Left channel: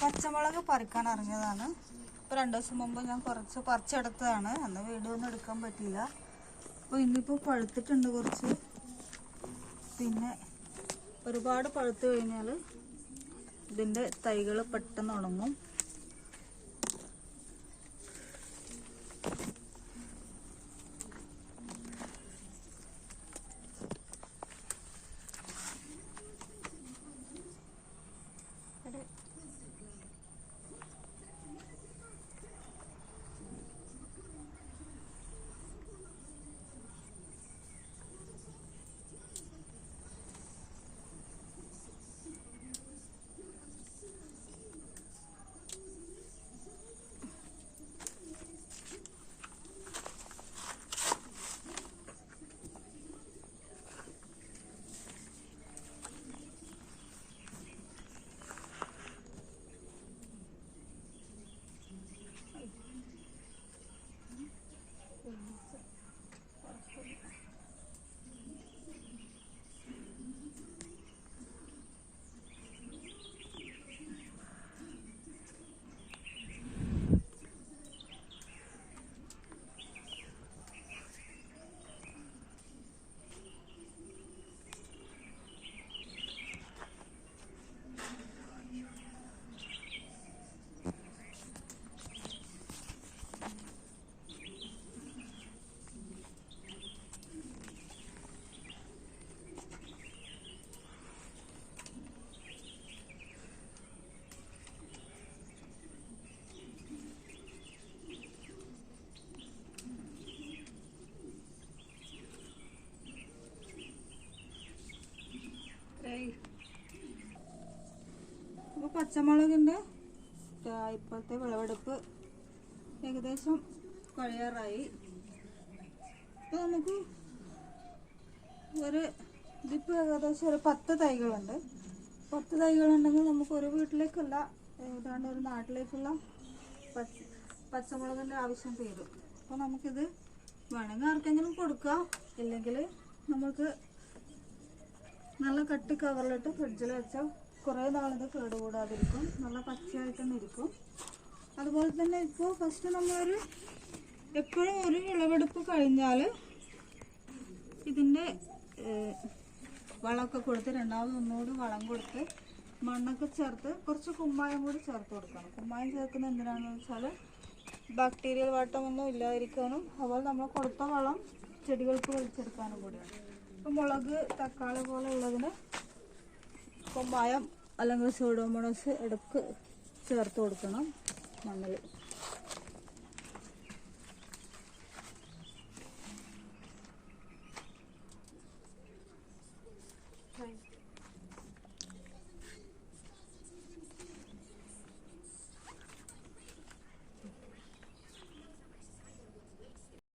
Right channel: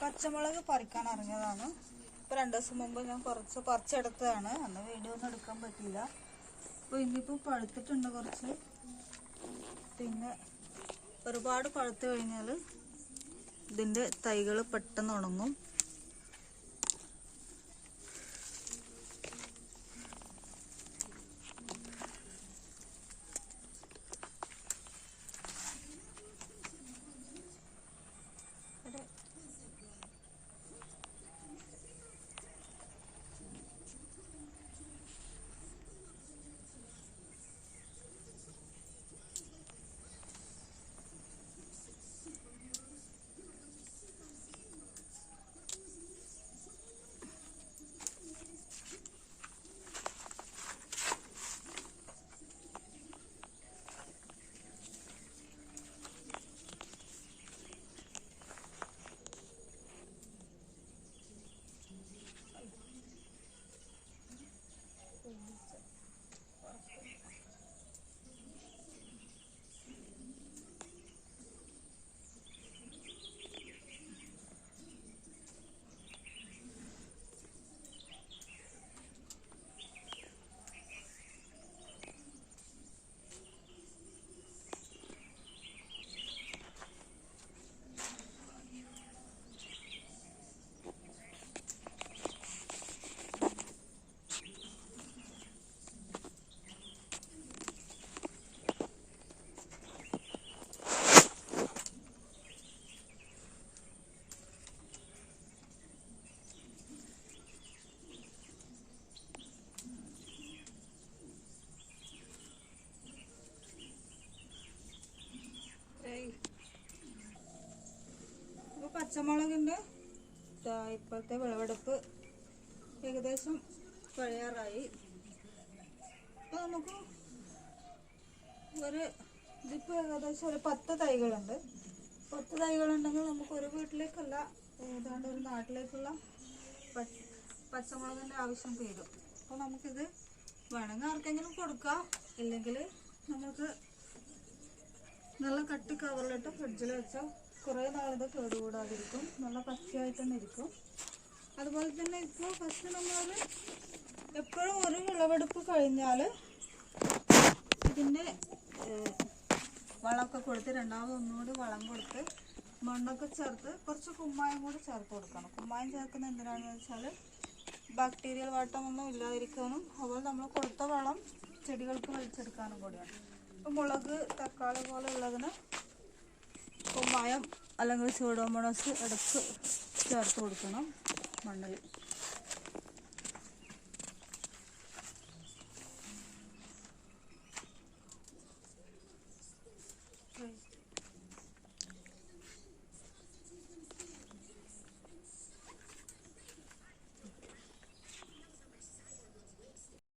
പച്ചമുളക് പറിക്കാൻ ഇറങ്ങിയതാണ്. ഇപ്പോൾ 2 ദിവസം മുമ്പ് ഞാൻ കുറച്ച് പറിച്ചെടുത്തതാണ്. അന്ന് വീഡിയോ ഒന്നും എടുക്കാൻ പറ്റിയില്ല. അപ്പോൾ ഇന്നിപ്പോൾ പഴുത്തിട്ടുണ്ട് കുറച്ച്. പിന്നെ ഒരുപാട് പഴുത്ത് കഴിഞ്ഞാൽ ഇതിൻ്റെ തൈകൾ പെട്ടെന്ന് ഉണങ്ങും. അപ്പോൾ പച്ചമുളകിൻ്റെ ഇപ്പോഴത്തെ വിളവെടുപ്പ് ഏകദേശം കഴിയാറായി. അപ്പോൾ നമുക്ക് ഇതിപ്പോൾ ഏകദേശം ഒരു 10 തൈകളുണ്ട്. 10 തൈകളുണ്ടെങ്കിൽ നമുക്ക് ഒരു വീട്ടിലേക്കല്ല, ഏതാണ്ട് ഒരു നാട്ടിലേക്കുള്ള പച്ചമുളകിൻ്റെ ആവശ്യം തീരും. അപ്പോൾ നമുക്കിത് വേണമെങ്കിൽ ആർക്കെങ്കിലും കൊടുക്കാം, ഇല്ലെങ്കിൽ നമുക്ക് നല്ല കട്ടി കവറിലിട്ട് ഫ്രിഡ്ജിൽ വെച്ചാൽ കുറേ നാളിത് കേടുകൂടാതിരിക്കും. നല്ല പച്ചയായിട്ട് തന്നെ ഇരിക്കും. അതുപോലെ തന്നെ ഇപ്പോൾ ഫസ്റ്റ് നമ്മളൊരു എപ്പോഴും ഒരു വിളവെടുപ്പ് കഴിഞ്ഞാൽ ഇതിൻ്റെ വളമൊക്കെ കൊടുത്ത് രണ്ടാമത് ഒന്നുകൂടി വളം കൊടുത്ത് മണ്ണൊക്കെ ചേർത്ത് കുറച്ച് കുമ്മായം കൂടി ചേർത്ത് കൊടുക്കണം. കുമ്മായം ചേർക്കുന്നത് എന്തിനാണെന്ന് വെച്ചാൽ ബാക്ടീരിയൽ വാട്ടമൊന്നും ഇല്ലാതിരിക്കാനും അതുപോലെ നമ്മൾ കൊടുത്ത വളം ചെടികൾക്ക് വലിച്ചെടുക്കാനും കൂടിയാണ്. ഇപ്പോൾ മുളക്, തക്കാളി പോലെ ഉള്ളതിന് കുമ്മായം അല്ലെങ്കിൽ സൂഡോമോണസ് എടുത്ത് ചേർത്ത് കൊടുക്കണം മണ്ണിൽ.